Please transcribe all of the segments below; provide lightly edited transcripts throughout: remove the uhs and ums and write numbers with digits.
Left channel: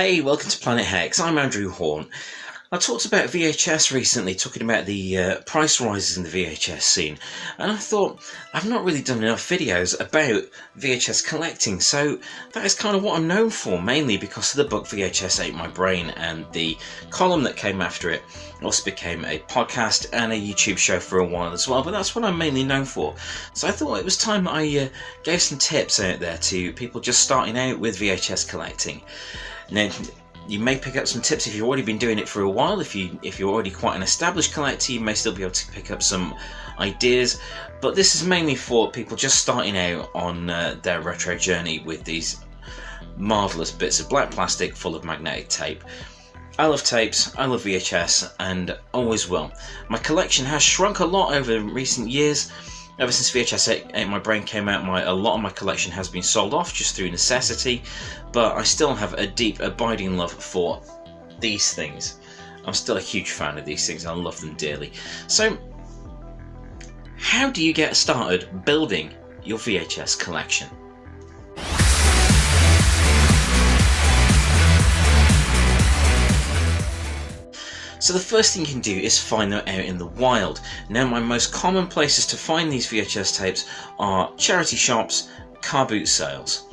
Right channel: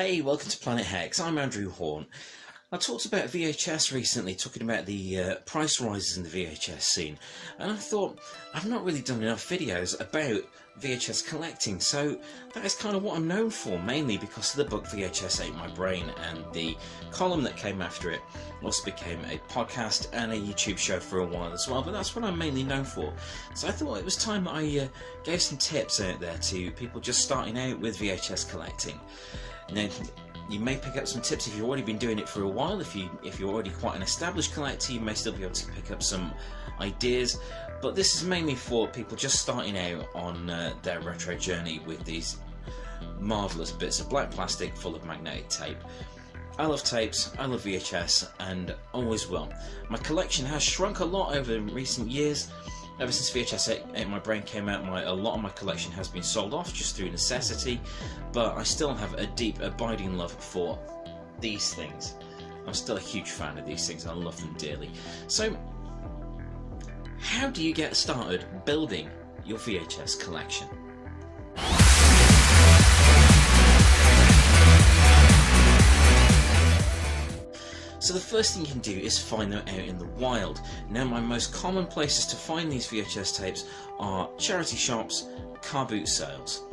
Hey, welcome to Planet Hex. I'm Andrew Hawnt. I talked about VHS recently, talking about the price rises in the VHS scene, and I thought I've not really done enough videos about VHS collecting, so that is kind of what I'm known for, mainly because of the book VHS Ate My Brain, and the column that came after it also became a podcast and a YouTube show for a while as well, but that's what I'm mainly known for. So I thought it was time I gave some tips out there to people just starting out with VHS collecting. Now, you may pick up some tips if you've already been doing it for a while. If you're already quite an established collector, you may still be able to pick up some ideas. But this is mainly for people just starting out on their retro journey with these marvellous bits of black plastic full of magnetic tape. I love tapes, I love VHS, and always will. My collection has shrunk a lot over recent years. Ever since VHS Ate My Brain came out, a lot of my collection has been sold off just through necessity, but I still have a deep, abiding love for these things. I'm still a huge fan of these things, I love them dearly. So, how do you get started building your VHS collection? So the first thing you can do is find them out in the wild. Now, my most common places to find these VHS tapes are charity shops, car boot sales.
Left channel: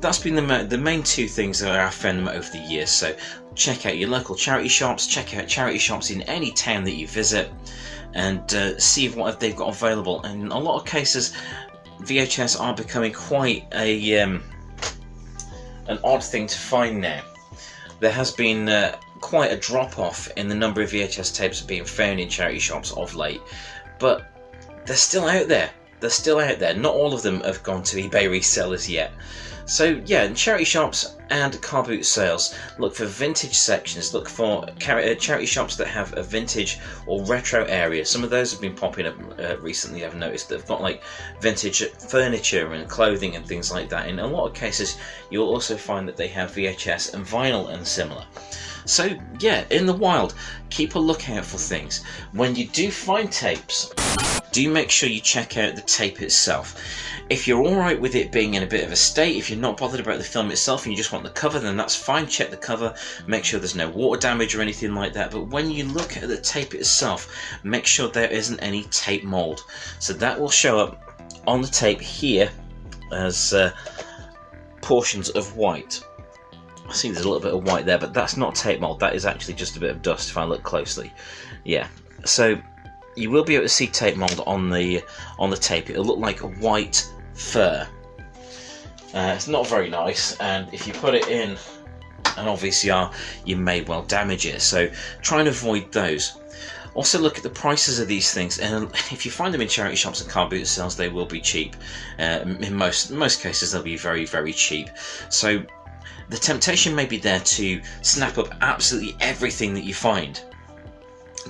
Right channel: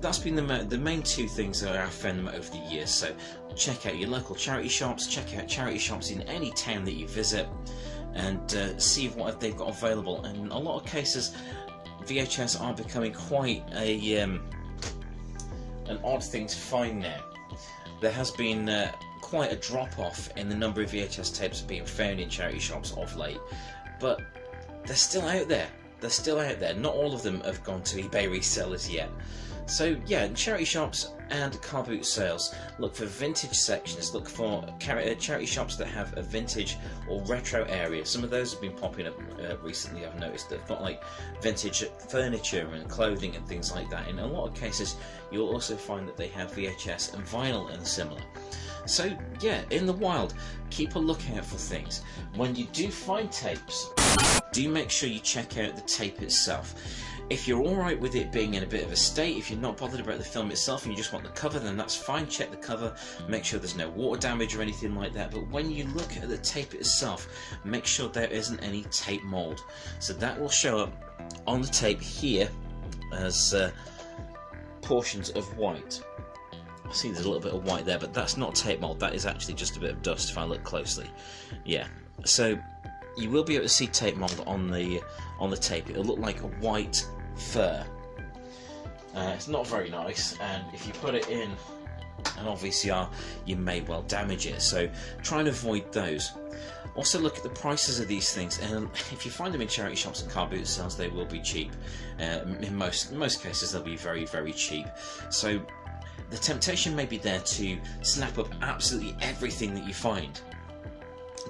That's been the main two things that I've found them over the years. So check out your local charity shops, check out charity shops in any town that you visit, and see what they've got available. And in a lot of cases, VHS are becoming quite an odd thing to find now. There has been quite a drop-off in the number of VHS tapes being found in charity shops of late, but they're still out there. They're still out there. Not all of them have gone to eBay resellers yet. So yeah, in charity shops and car boot sales, look for vintage sections. Look for charity shops that have a vintage or retro area. Some of those have been popping up recently. I've noticed they've got like vintage furniture and clothing and things like that. In a lot of cases, you'll also find that they have VHS and vinyl and similar. So yeah, in the wild, keep a lookout for things. When you do find tapes, do make sure you check out the tape itself. If you're alright with it being in a bit of a state, if you're not bothered about the film itself and you just want the cover, then that's fine. Check the cover, make sure there's no water damage or anything like that. But when you look at the tape itself, make sure there isn't any tape mold. So that will show up on the tape here as portions of white. I see there's a little bit of white there, but that's not tape mold. That is actually just a bit of dust if I look closely. Yeah, so you will be able to see tape mold on the tape. It'll look like a white fur. It's not very nice, and if you put it in an VCR, you may well damage it. So try and avoid those. Also look at the prices of these things, and if you find them in charity shops and car boot sales, they will be cheap. In most cases, they'll be very, very cheap. So the temptation may be there to snap up absolutely everything that you find.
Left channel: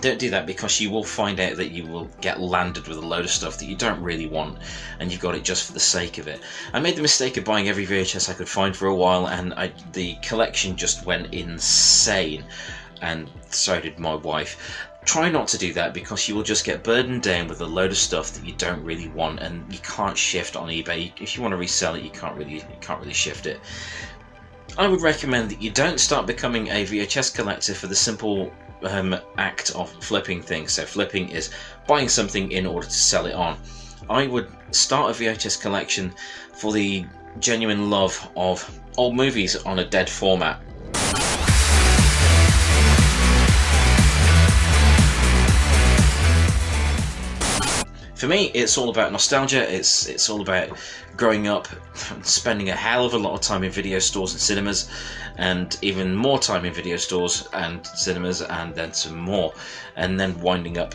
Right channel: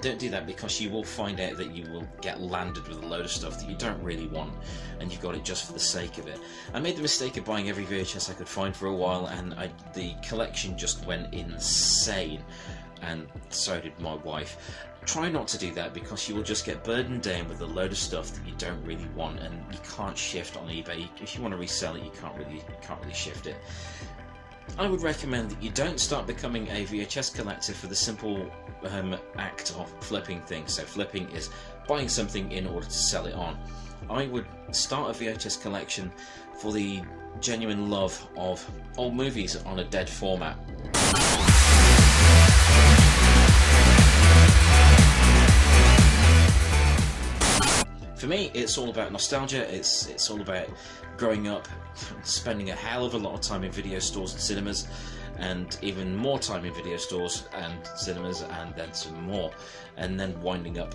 Don't do that, because you will find out that you will get landed with a load of stuff that you don't really want, and you've got it just for the sake of it. I made the mistake of buying every VHS I could find for a while, and the collection just went insane, and so did my wife. Try not to do that, because you will just get burdened down with a load of stuff that you don't really want, and you can't shift on eBay. If you want to resell it, you can't really shift it. I would recommend that you don't start becoming a VHS collector for the simple act of flipping things. So flipping is buying something in order to sell it on. I would start a VHS collection for the genuine love of old movies on a dead format. For me, it's all about nostalgia. It's all about growing up, spending a hell of a lot of time in video stores and cinemas, and even more time in video stores and cinemas, and then some more, and then winding up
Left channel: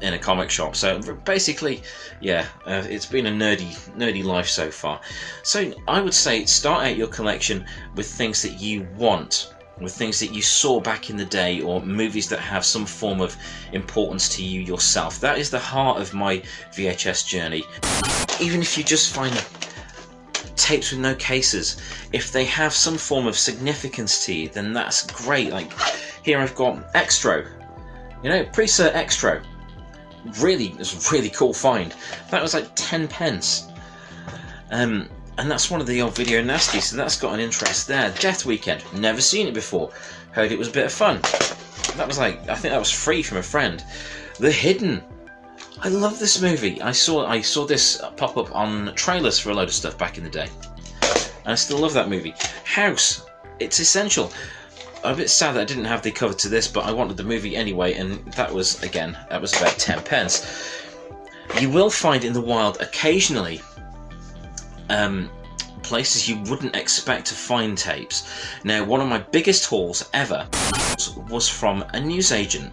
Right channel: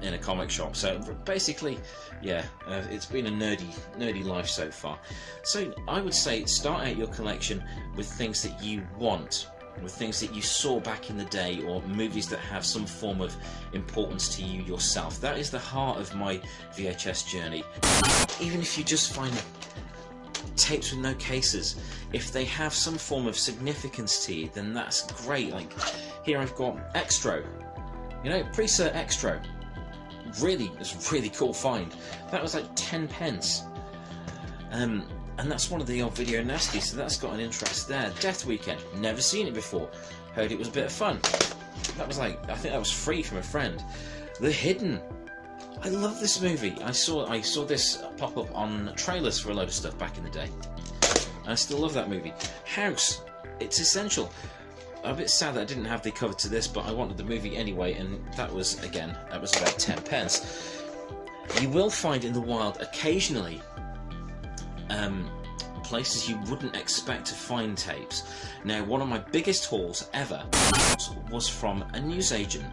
in a comic shop. So basically, yeah, it's been a nerdy life so far. So I would say start out your collection with things that you want, with things that you saw back in the day, or movies that have some form of importance to you yourself. That is the heart of my VHS journey. Even if you just find tapes with no cases, if they have some form of significance to you, then that's great. Like here I've got Extro, Pre-Cert Extro. It's a really cool find. That was like 10 pence. And And that's one of the old Video Nasties, so that's got an interest there. Death Weekend, never seen it before. Heard it was a bit of fun. That was like, I think that was free from a friend. The Hidden. I love this movie. I saw this pop up on trailers for a load of stuff back in the day. And I still love that movie. House. It's essential. I'm a bit sad that I didn't have the cover to this, but I wanted the movie anyway, and that was about 10 pence. You will find in the wild occasionally places you wouldn't expect to find tapes. Now, one of my biggest hauls ever was from a newsagent,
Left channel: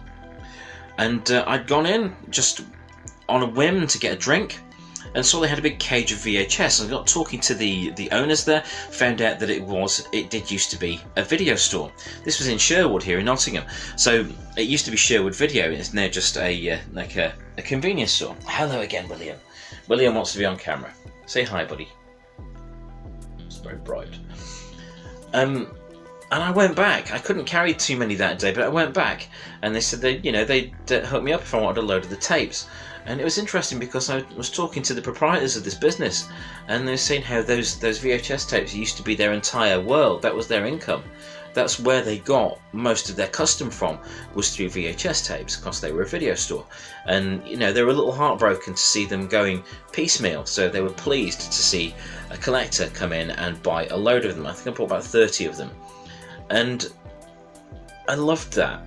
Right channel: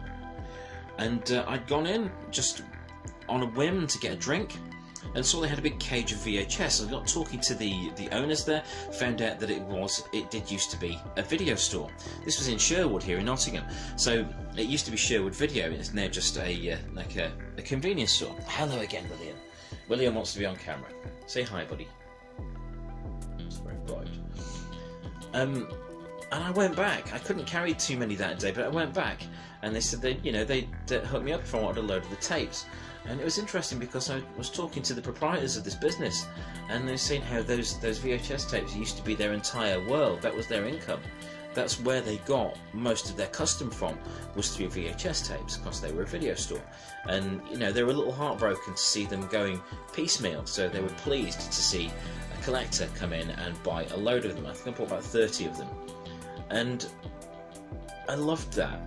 and I'd gone in just on a whim to get a drink, and saw they had a big cage of VHS. I got talking to the owners there, found out that it did used to be a video store. This was in Sherwood here in Nottingham, so it used to be Sherwood Video. It's now just a convenience store. Hello again, William. William wants to be on camera. Say hi, buddy. It's very bright. And I went back. I couldn't carry too many that day, but I went back, and they said they'd hook me up if I wanted a load of the tapes. And it was interesting because I was talking to the proprietors of this business, and they were saying how those VHS tapes used to be their entire world. That was their income. That's where they got most of their custom from, was through VHS tapes, because they were a video store. And they were a little heartbroken to see them going piecemeal, so they were pleased to see a collector come in and buy a load of them. I think I bought about 30 of them, and I loved that.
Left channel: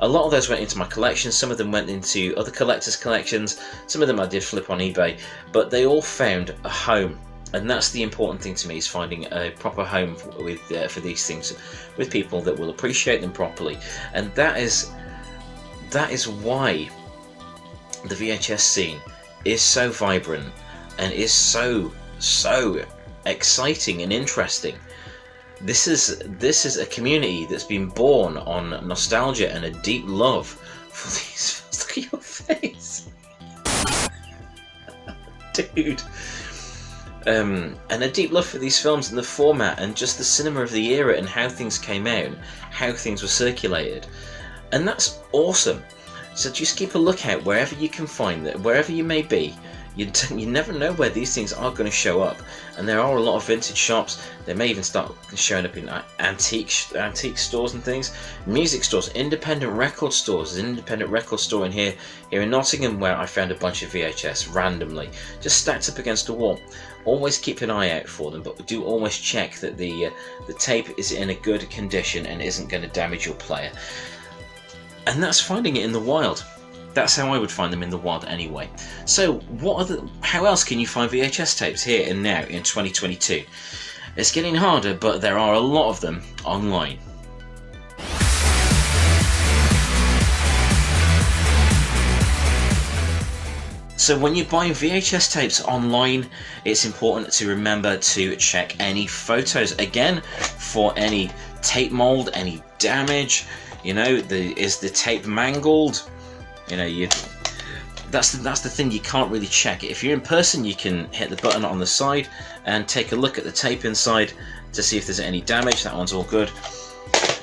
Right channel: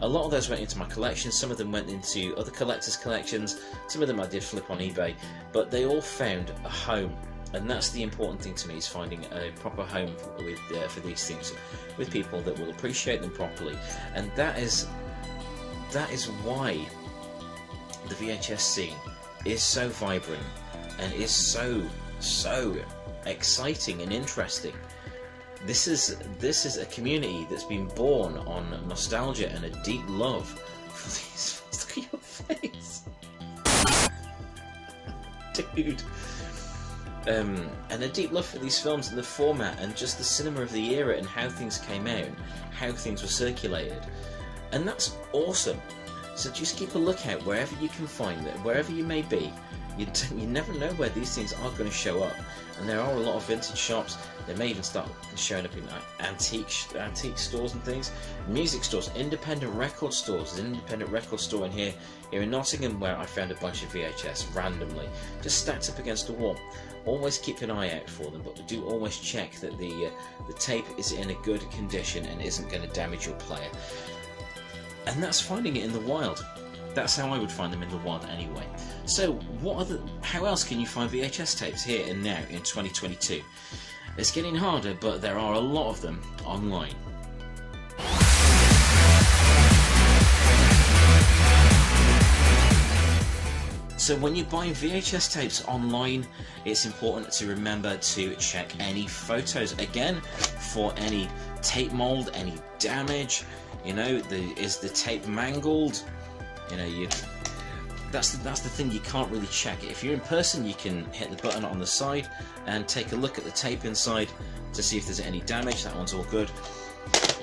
A lot of those went into my collection, some of them went into other collectors' collections, some of them I did flip on eBay, but they all found a home. And that's the important thing to me, is finding a proper home for these things, with people that will appreciate them properly. And that is why the VHS scene is so vibrant and is so exciting and interesting. This is a community that's been born on nostalgia and a deep love for these. Look at your face, dude. And a deep love for these films and the format and just the cinema of the era and how things came out, how things were circulated, and that's awesome. So just keep a lookout wherever you can find it, wherever you may be. You never know where these things are going to show up, and there are a lot of vintage shops. They may even start showing up in antique stores and things, music stores, independent record stores. There's an independent record store in here in Nottingham where I found a bunch of VHS randomly, just stacked up against a wall. Always keep an eye out for them, but do always check that the tape is in a good condition and isn't going to damage your player. And that's finding it in the wild. That's how I would find them in the wild anyway. So how else can you find VHS tapes here and now in 2022? It's getting harder, but there are a lot of them online. So when you're buying VHS tapes online, it's important to remember to check any photos again for any tape mold, any damage. Is the tape mangled? That's the thing you can't really check. If you're in person, you can hit the button on the side and take a look at the tape inside to see if there's any damage. That one's all good.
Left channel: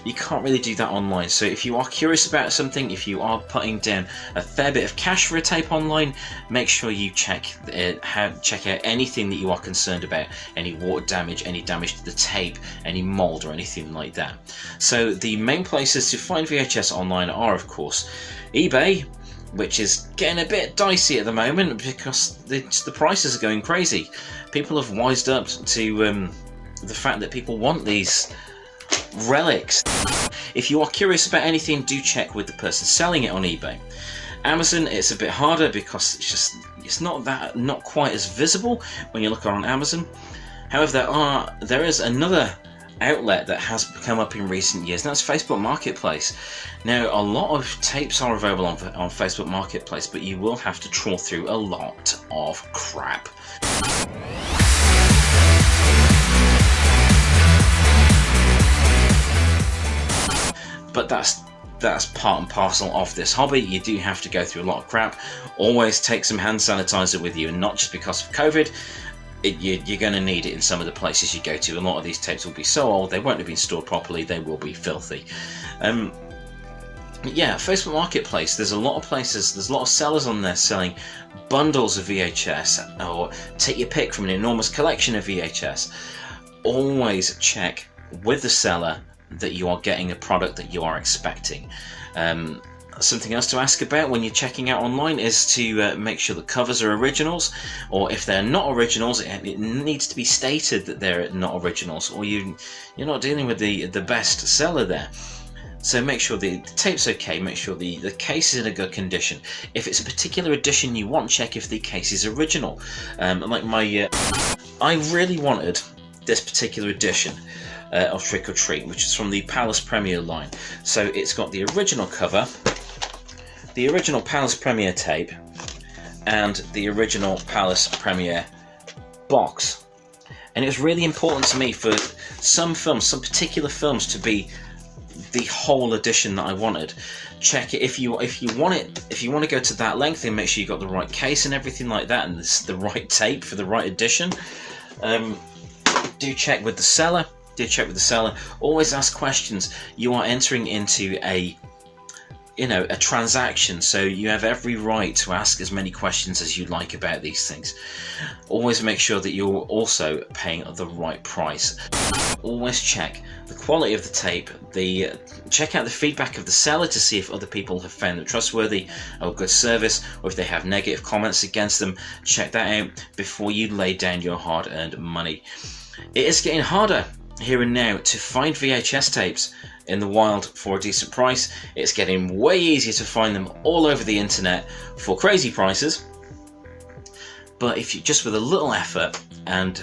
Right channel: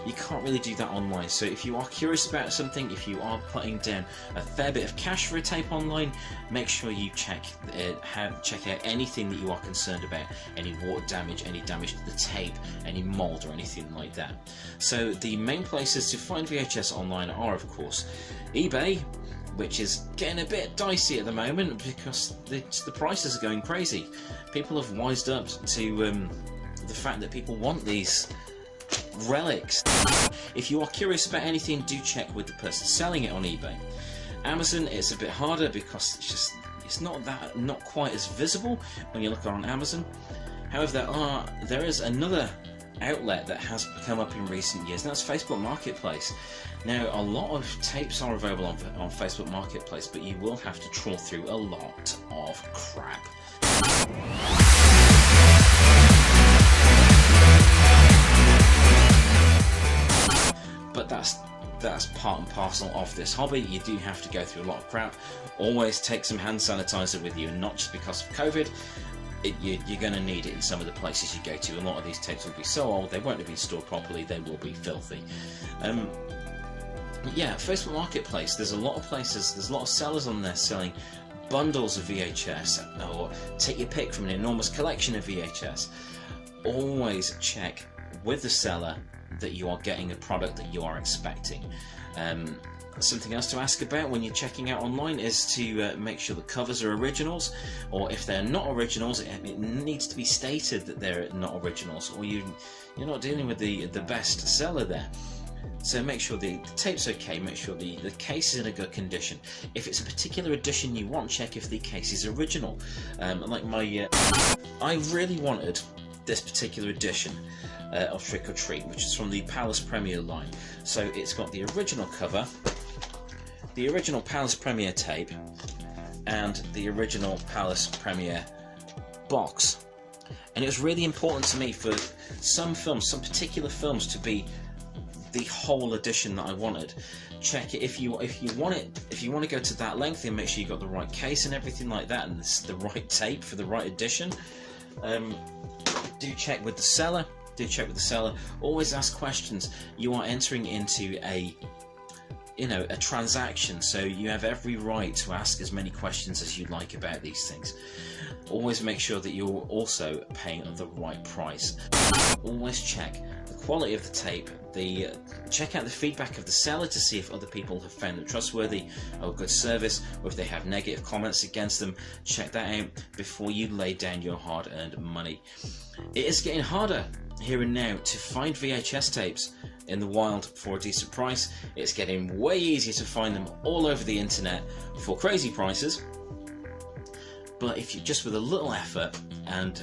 You can't really do that online. So if you are curious about something, if you are putting down a fair bit of cash for a tape online, make sure you check out anything that you are concerned about, any water damage, any damage to the tape, any mold or anything like that. So the main places to find VHS online are, of course, eBay, which is getting a bit dicey at the moment because the prices are going crazy. People have wised up to the fact that people want these relics. If you are curious about anything, do check with the person selling it on eBay. Amazon, it's a bit harder because it's not quite as visible when you look on Amazon. However, there is another outlet that has come up in recent years, and that's Facebook Marketplace. Now, a lot of tapes are available on Facebook Marketplace, but you will have to trawl through a lot of crap. But that's part and parcel of this hobby. You do have to go through a lot of crap. Always take some hand sanitizer with you, and not just because of COVID. You're going to need it in some of the places you go to. A lot of these tapes will be so old they won't have been stored properly. They will be filthy. Yeah, Facebook Marketplace, there's a lot of places, there's a lot of sellers on there selling bundles of VHS, or take your pick from an enormous collection of VHS. Always check with the seller that you are getting a product that you are expecting. Something else to ask about when you're checking out online is to make sure the covers are originals, or if they're not originals, it needs to be stated that they're not originals, or you're not dealing with the best seller there. So make sure the tape's okay, make sure the case is in a good condition. If it's a particular edition you want, check if the case is original. Like I really wanted this particular edition of Trick or Treat, which is from the Palace Premiere line. So it's got the original cover, the original Palace Premiere tape, and the original Palace Premiere box. And it was really important to me for some films, some particular films, to be the whole edition that I wanted. Check it if you want it. If you want to go to that length, then make sure you got the right case and everything like that, and the right tape for the right edition. Do check with the seller. Always ask questions. You are entering into a transaction, so you have every right to ask as many questions as you like about these things. Always make sure that you're also paying the right price. Always check the quality of the tape, check out the feedback of the seller to see if other people have found them trustworthy or good service, or if they have negative comments against them. Check that out before you lay down your hard-earned money. It is getting harder here and now to find VHS tapes in the wild for a decent price. It's getting way easier to find them all over the internet for crazy prices. But if you just with a little effort, and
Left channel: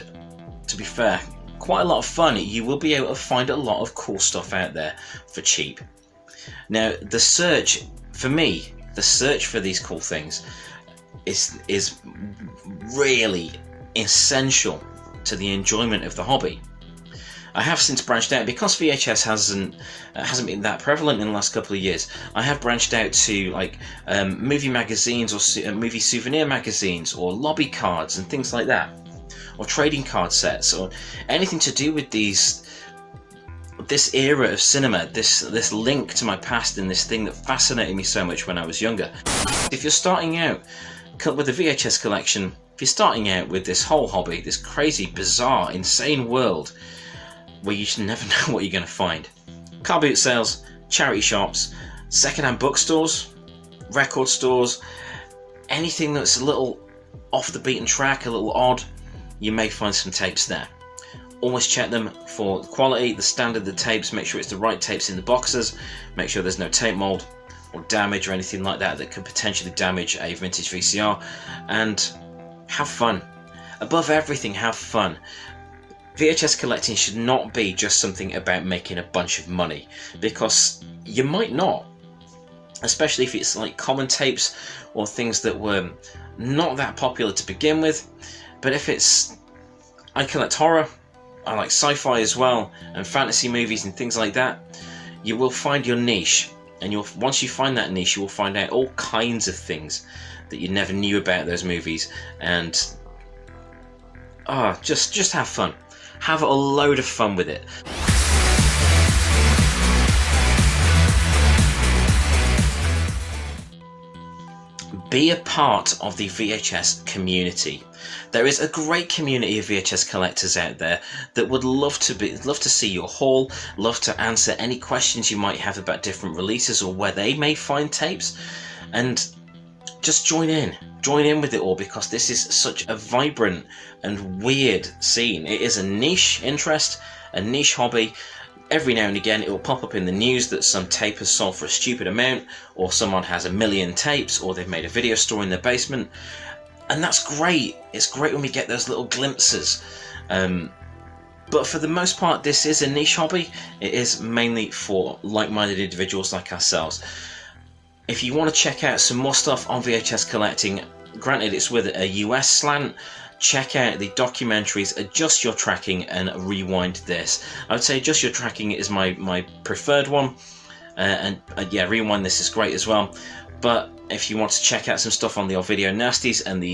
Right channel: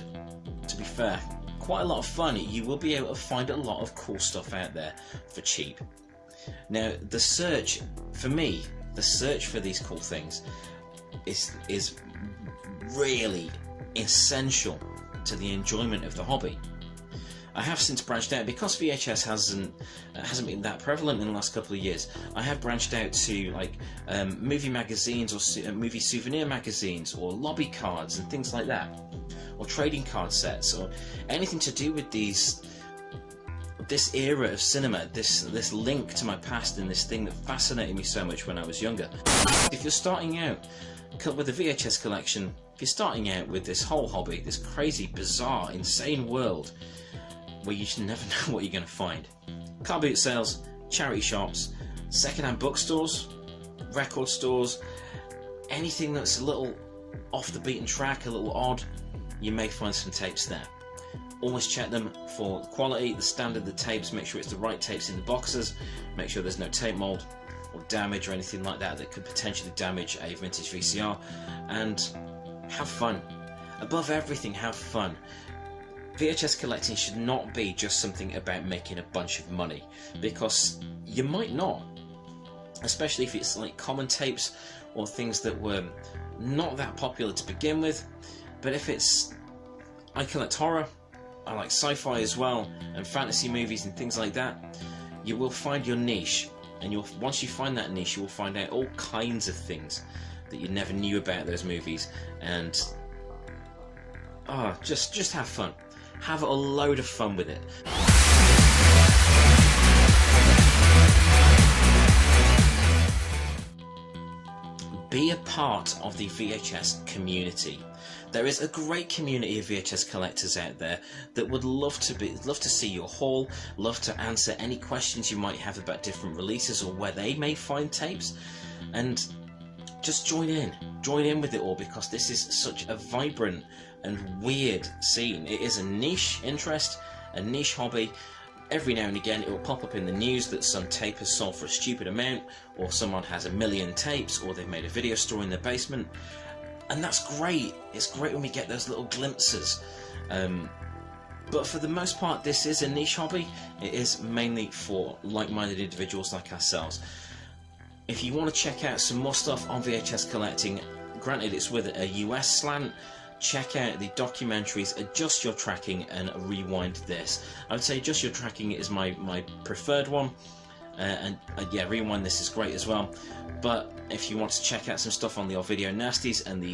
to be fair, quite a lot of fun, you will be able to find a lot of cool stuff out there for cheap. Now, the search for these cool things is really essential to the enjoyment of the hobby. I have since branched out, because VHS hasn't been that prevalent in the last couple of years. I have branched out to like movie magazines, or movie souvenir magazines, or lobby cards and things like that, or trading card sets, or anything to do with this era of cinema, this link to my past, and this thing that fascinated me so much when I was younger. If you're starting out with a VHS collection, if you're starting out with this whole hobby, this crazy, bizarre, insane world where you just never know what you're going to find. Car boot sales, charity shops, second-hand bookstores, record stores, anything that's a little off the beaten track, a little odd, you may find some tapes there. Always check them for quality, the standard of the tapes, make sure it's the right tapes in the boxes, make sure there's no tape mold or damage or anything like that that could potentially damage a vintage VCR, and have fun. Above everything, have fun. VHS collecting should not be just something about making a bunch of money, because you might not, especially if it's like common tapes or things that were not that popular to begin with. But if it's, I collect horror, I like sci-fi as well, and fantasy movies and things like that, you will find your niche, and once you find that niche, you will find out all kinds of things that you never knew about those movies, and just have fun. Have a load of fun with it. Be a part of the VHS community. There is a great community of VHS collectors out there that would love to see your haul, love to answer any questions you might have about different releases or where they may find tapes, and just join in with it all, because this is such a vibrant and weird scene. It is a niche interest, a niche hobby. Every now and again it will pop up in the news that some tape has sold for a stupid amount, or someone has 1 million tapes, or they've made a video store in their basement, and that's great. It's great when we get those little glimpses, but for the most part this is a niche hobby. It is mainly for like-minded individuals like ourselves. If you want to check out some more stuff on VHS collecting, granted it's with a US slant, check out the documentaries Adjust Your Tracking and Rewind This. I would say Adjust Your Tracking is my preferred one. yeah, Rewind This is great as well. But if you want to check out some stuff on the old Video Nasties and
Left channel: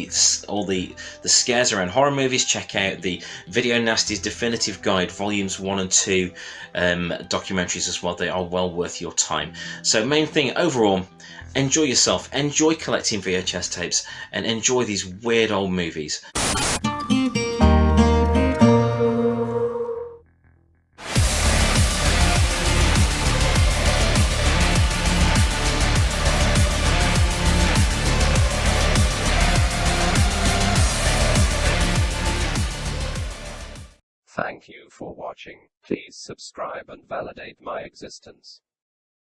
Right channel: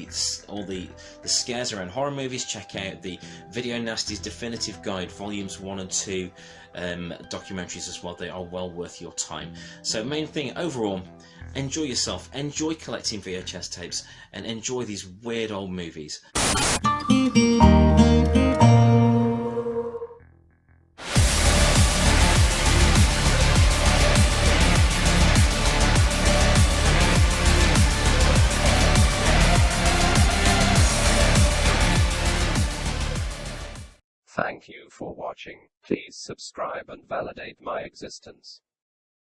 all the scares around horror movies, check out the Video Nasties Definitive Guide Volumes 1 and 2 documentaries as well. They are well worth your time. So main thing overall, enjoy yourself, enjoy collecting VHS tapes, and enjoy these weird old movies. Thank you for watching. Please subscribe and validate my existence.